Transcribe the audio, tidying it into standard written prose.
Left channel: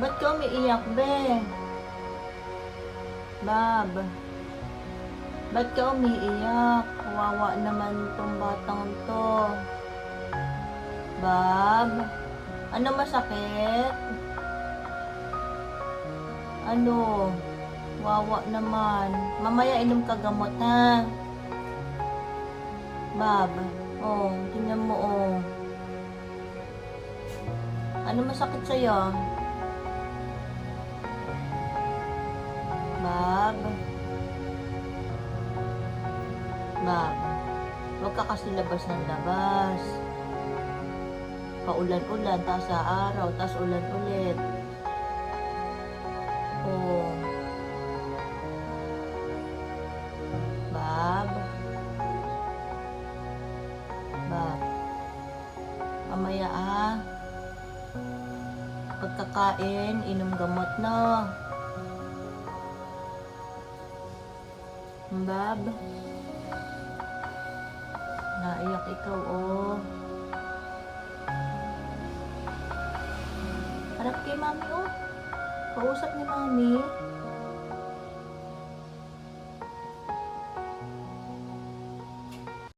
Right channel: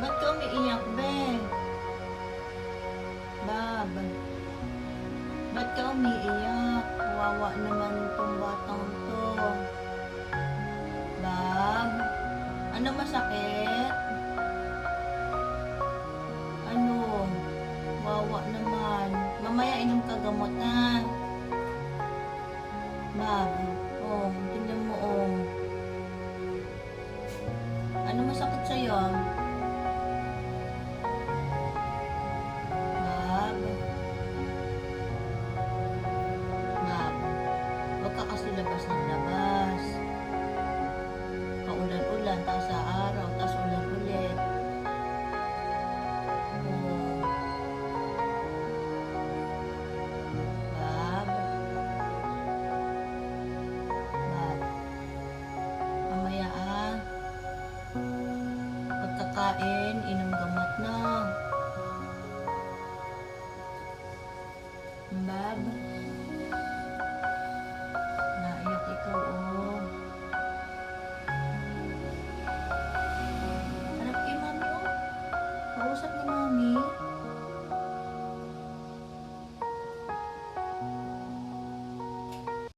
Ba't ka umiiyak, be? Bab, ba't ka umiiyak? Kawawa naman tong batang to. Bab, ano masakit? Ano? Wawa naman. Mamaya inom ka gamot, ha? Bab, oh, tingnan mo, oh. Ano masakit sa'yo? Bab? Bab, huwag ka kasi labas ng labas. Paulan-ulan, taas sa araw, taas ulan ulit. Oh. Bab? Bab? Mamaya, ah. Pagkakain, inom gamot na. Bab? Naiyak ikaw, oh. Harap kay mami, oh. Kausap ni mami.